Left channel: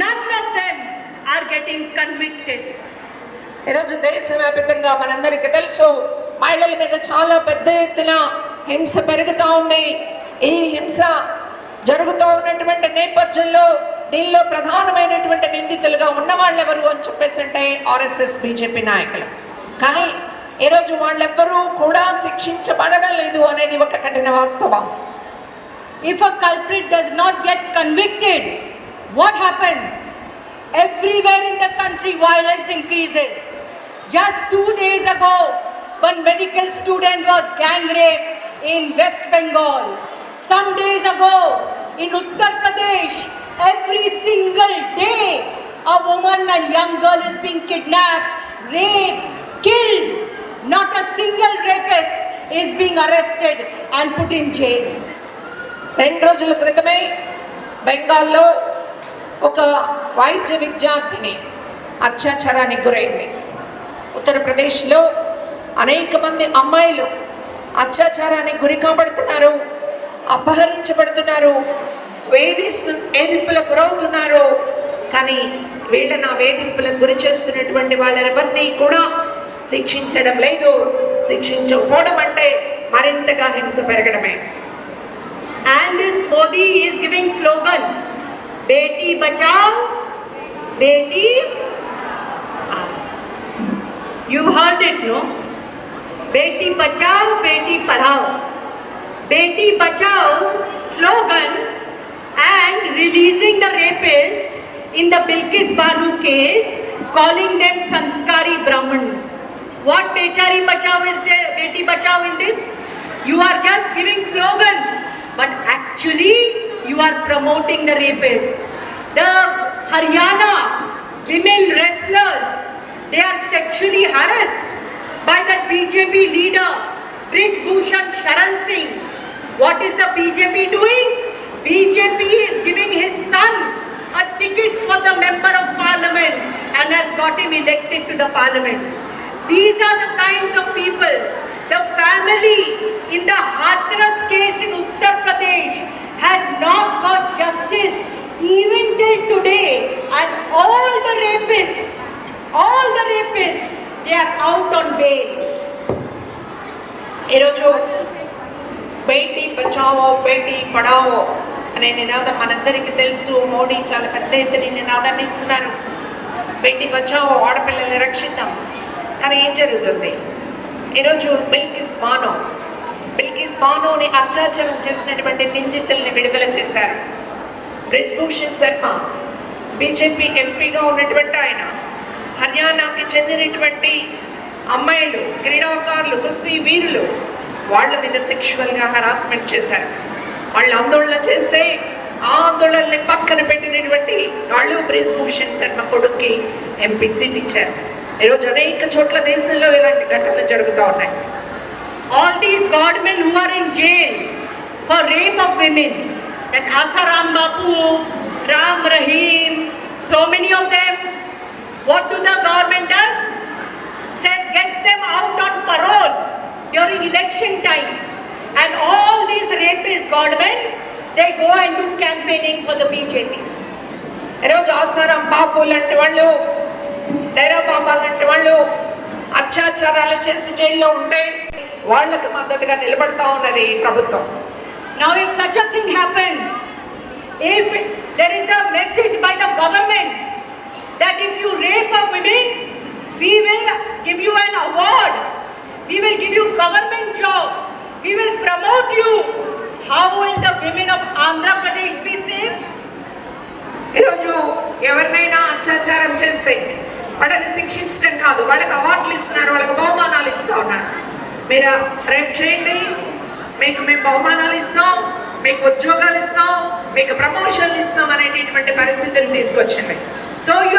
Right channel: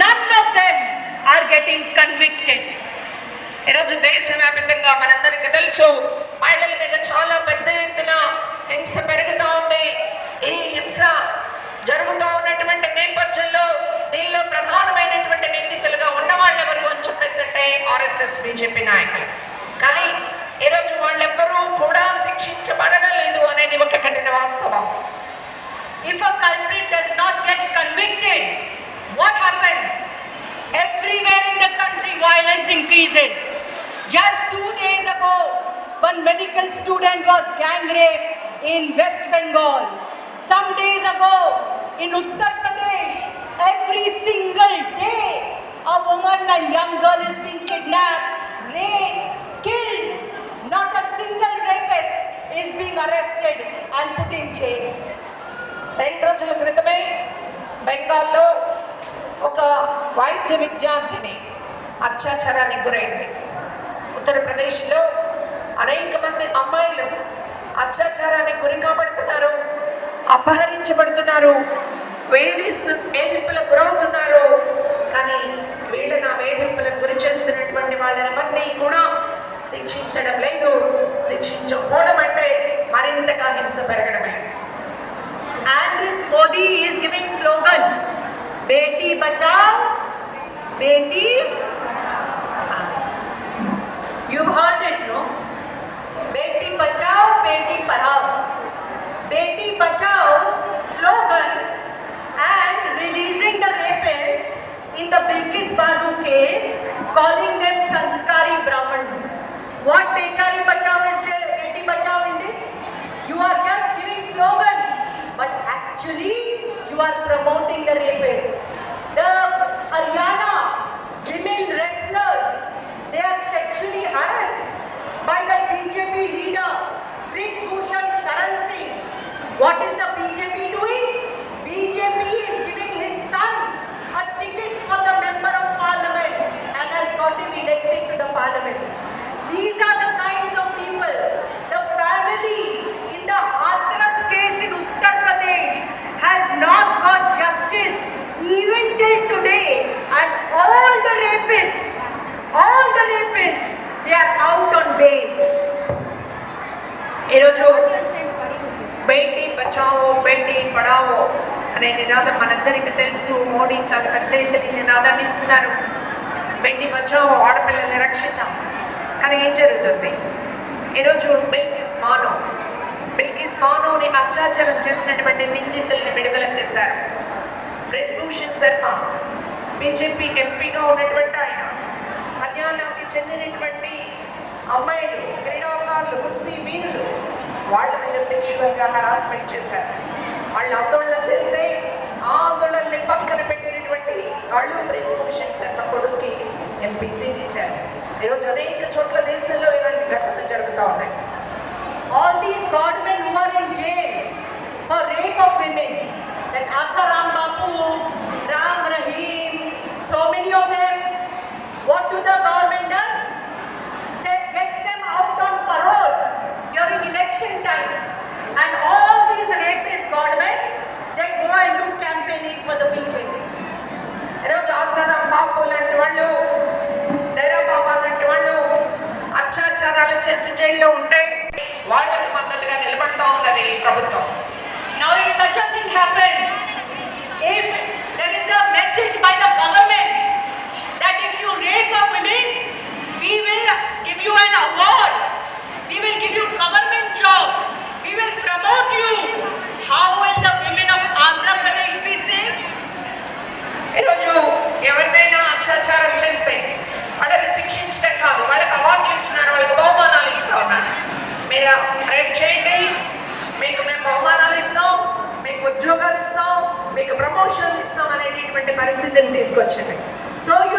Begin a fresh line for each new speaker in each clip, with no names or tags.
None of them are getting convicted ఈరోజు దేశవ్యాప్తంగా మనందరికీ తెలుసు మహిళల మీద చాలా పెద్ద ఎత్తున హింస పెరుగుతూ ఉంది. ఈ హింస జరుగుతూ ఉన్నటువంటి నేపథ్యంలో దీనిలో ప్రధానమైనటువంటి నిందితులుగా ఉన్న వాళ్ళు ఎవరు అని చెప్పేసి అంటే ఆర్ఎస్ఎస్ బీజేపీ నాయకులు. కానీ ఈరోజు వాళ్ళెవ్వరూ కూడా శిక్షించబడడం లేదు అనేది ఒక కఠిన వాస్తవం.
If a culprit does not get convicted what happens? Everywhere in the country, violence increases. Just two days ago, one medical student was gang raped in West Bengal. Some days ago, in Uttar Pradesh, every single day, a woman and young girl is being kidnapped, raped, killed. Not a single rapist is being arrested and put in jail.
రెండు రోజుల క్రితమే బెంగాల్లో ఒక వైద్య విద్యార్థిని అత్యాచారానికి గురైంది. ఉత్తరప్రదేశ్లో అనేక మంది అమ్మాయిలు అత్యాచారానికి గురి కాబడుతున్నారు అపహరించబడుతున్నారు వేధిస్తు వేధింపులకు గురవుతున్నారు. కానీ వీళ్ళని ఆ వేధింపులకు గురి చేస్తున్నటువంటి వాళ్ళెవరినీ కూడా శిక్షించడం లేదు. శిక్షించకపోవడం అంటే మరింతగా హింస పెరగడమే.
And this Modi is giving slogan, Beti Bachao, Beti. You heard it, no? Beti Bachao, Beti Padhao. Beti Bachao slogan and releasing the rapist in the Bilkis Banu case, calling them Sanskari Brahmins. What Bechari Bachao is there, Beti Bachao in this? You are just giving slogans, but actually you are promoting the rapist. The Haryana women wrestlers, they are sexually harassed by the BJP leader, Brij Bhushan Sharan Singh. What is the BJP doing? BJP is giving his son a ticket for the member of parliament and has got him elected to the parliament. These are the kinds of people. The family in the Hathras case in Uttar Pradesh
అనే నినాదం మనందరికీ తెలుసు మోడీ చాలా పెద్ద ఎత్తున నినాదాన్ని ఇస్తున్నారు. బెట్టి వచ్చాము ఆడపిల్లల్ని రక్షిద్దాం. కానీ ఏం జరుగుతుంది? ఈరోజు బిల్కిస్ బాను బిల్కిస్ బానుని అత్యాచారం చేసినటువంటి నిందితుల్ని విడుదల చేశారు. బ్రిజ్భూషణ్ శర్మ బీజేపీ ఎంపీగా ఉన్నటువంటి ఆయన హర్యానాకి చెందినటువంటి అమ్మాయిలు క్రీడాకారులు కుస్తీ వీరులు వాళ్ళ మీద సెక్షువల్గా హరాస్మెంట్ చేశారు. వాళ్ళు ఆందోళన చేస్తే ఆ ఆందోళనని పక్కన పెట్టినటువంటి వాళ్ళు బ్రేస్ భూషణ్ శర్మ కొడుక్కి ఎంపీ సీట్ ఇచ్చారు. ఈరోజు అనేక చోట్ల దేశంలో ఇలాంటి ఘటనలు జరుగుతూ ఉన్నాయి.
All these god men who are in jail for rape of women like Asaram Bapu Ram Rahim so many of them what to the government does set gets them out on parole during election time and all these rapist godmen, they go and do campaigning for the BJP.
ఈరోజు ఆసారాం బాపు లాంటి వాళ్ళు డైరా బాబా లాంటి వాళ్ళు అత్యాచారాలు చేసి జైల్లో ఉంటే వాళ్ళకి మద్దతుగా నిలబడతా ఉన్నది ఈ ప్రభుత్వం
Now, if such a thing happens, if there is a message by the government that if you rape a woman, we will give you an award, we will give you government job, we will promote you, how will the women of Andhra Pradesh be safe?
ఈరోజు ఎవరినైనా అత్యాచారం చేస్తే వాళ్ళని శిక్షించడం కాదు వాళ్ళకి అవార్డులు ఇస్తున్నారు వాళ్ళకి బహుమానాలు ఇస్తూ ఉన్నారు. మీరు రేపు చేయండి మీకు మేము బహుమానాలు ఇస్తాం మీకు ఉద్యోగాలు ఇస్తాం మీకు ప్రమోషన్లు ఇస్తాం అనేటటువంటి పరిస్థితిని తీసుకొచ్చింది.
సో you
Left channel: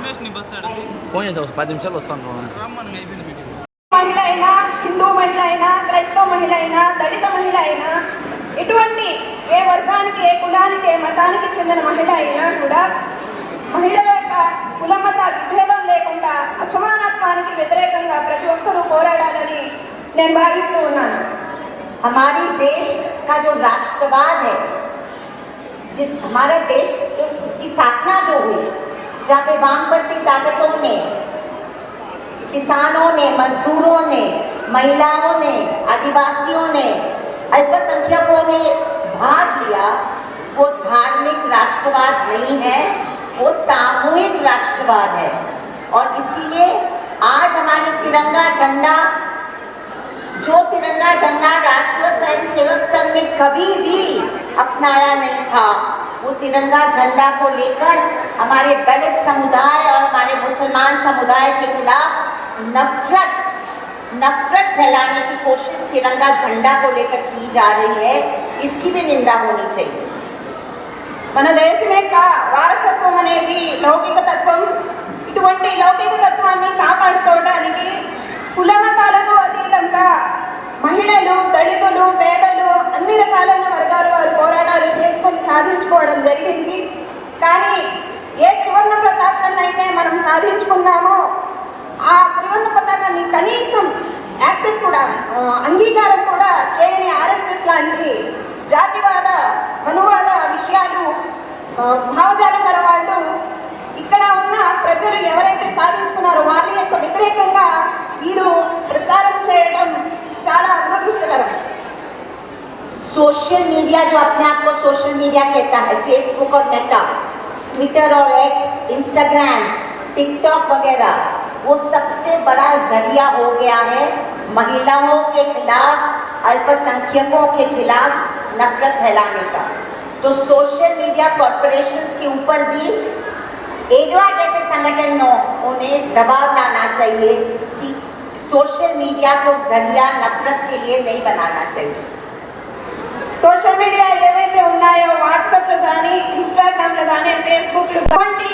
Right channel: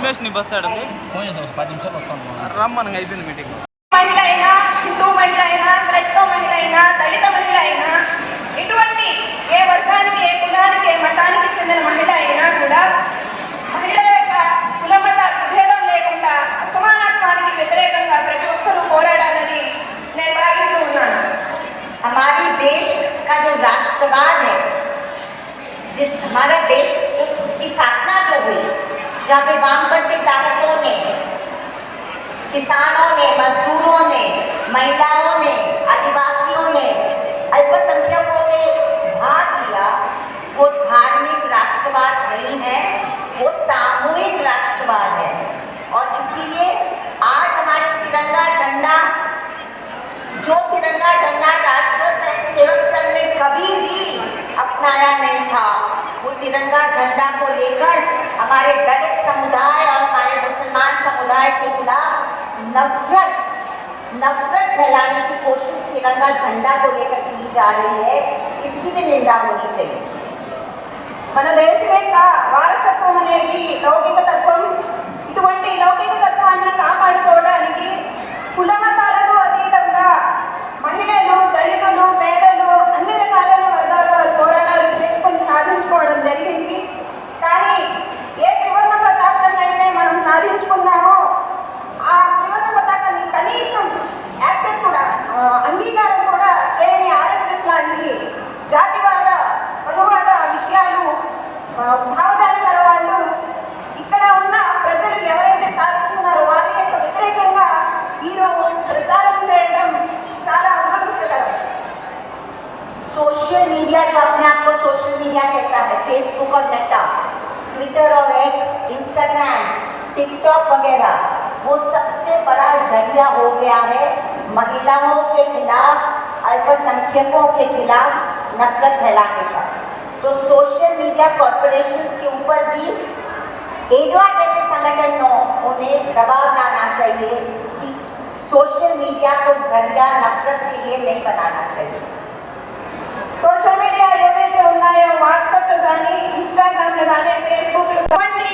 దినేష్ ని బస్ ఆడదు
ఫోన్ చేసి ఒక పది నిమిషాలు వస్తాను
రమ్మని అయిపోయింది మీటింగ్
మహిళ అయినా హిందూ మహిళ అయినా క్రైస్తవ మహిళ అయినా దళిత మహిళ అయినా ఇటువంటి ఏ వర్గానికి ఏ కులానికి ఏ మతానికి చెందిన మహిళ అయినా కూడా మహిళల యొక్క కుల మత విభేదం లేకుండా అసమానత్వానికి వ్యతిరేకంగా ప్రతి ఒక్కరూ పోరాడాలని నేను భావిస్తూ ఉన్నాను
हमारी देश का जो राष्ट्रवाद है जिस हमारा देश उस- की स्थापना जो हुई जहाँ पे वामपंथी ताकतों ने, किसानों ने, मजदूरों ने, महिलाओं ने, आदिवासियों ने, अल्पसंख्यकों ने भाग लिया, वो धार्मिक राष्ट्रवाद नहीं है, वो सामूहिक राष्ट्रवाद है। और इसीलिए आज हमारे तिरंगा झंडा, जो तिरंगा झंडा राष्ट्रीय स्वयं सेवक संघ ने कभी भी अपनाया नहीं था। तिरंगा झंडा को लेकर हमारे दलित समुदाय और हमारे मुसलमान समुदाय के खिलाफ नफरत नफरत फैलाने की कोशिश तिरंगा झंडा को लेकर की जा रही है इसकी भी निंदा होनी चाहिए
మన దేశం యొక్క వారసత్వం అనేది లౌకిక తత్వం ఇటువంటి లౌకిక
सोशल मीडिया जो अपने आप को सोशल मीडिया कहता है फेसबुक और नेटा ट्विटर और एक्स इंस्टाग्राम टिकटॉक वगैरह, वो सबसे बड़ा ज़रिया हो गया है महिलाओं के खिलाफ, अल्पसंख्यकों के खिलाफ नफरत फैलाने का। तो सोशल मीडिया कॉरपोरेशन के ऊपर भी एडवा जैसे संगठनों उन्हें दबाव लाना चाहिए कि सोशल मीडिया को ज़रिया नफरत के लिए नहीं बनाना चाहिए।
సోషల్ మీడియా ఏవైతే ఉన్నాయో వాట్సాప్లు కానీ ఇన్స్టాగ్రామ్లు కానీ ఫేస్బుక్లు ఇటువంటి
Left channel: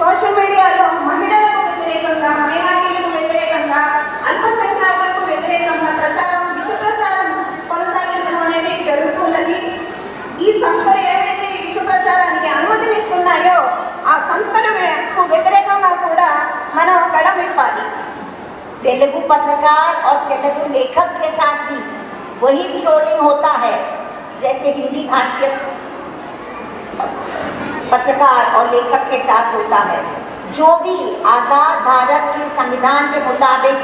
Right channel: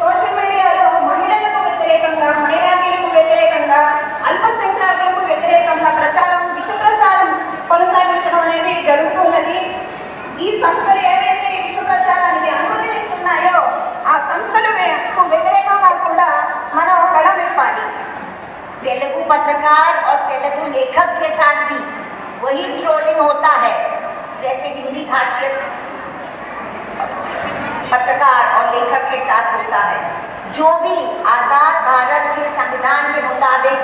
సోషల్ మీడియాలో మహిళలకు వ్యతిరేకంగా మైనార్టీలకు వ్యతిరేకంగా అల్పసంఖ్యాకులకు వ్యతిరేకంగా ప్రచారం విష ప్రచారం కొనసాగించడం అనేది జరుగుతున్నది ఈ సంస్థలు ఏవైతే ఈ విష ప్రచారానికి అనుమతినిస్తున్నాయో ఆ సంస్థలకు వ్యతిరేకంగా కూడా మనం గడమివ్వాలి
तेलुगु पत्रकार और तेलुगु लेखक के साथ भी वही ट्रोलिंग होता है जैसे हिंदी भाषियत पत्रकार और लेखक के साथ होता है। जो भी आज़ाद भारत के संविधान के मुताबिक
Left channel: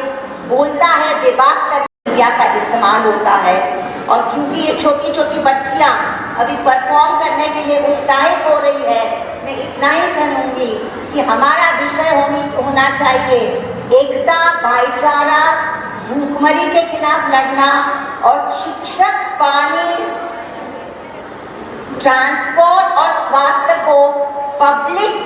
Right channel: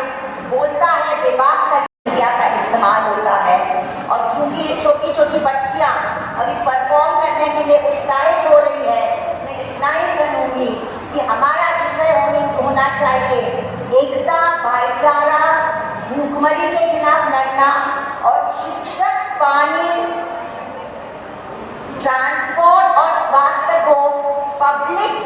बोलता है कर मीडिया का इस्तेमाल होता है। और क्योंकि ये छोटी छोटी बच्चियाँ अभी परफॉर्म करने के लिए उत्साहित हो रही है मैं इतना ही कहूँगी कि हमारा विषय होनी होना चाहिए। एकता, भाईचारा, भूखमरी के खिलाफ लड़ना और शिक्षक पानी transport or Swastako public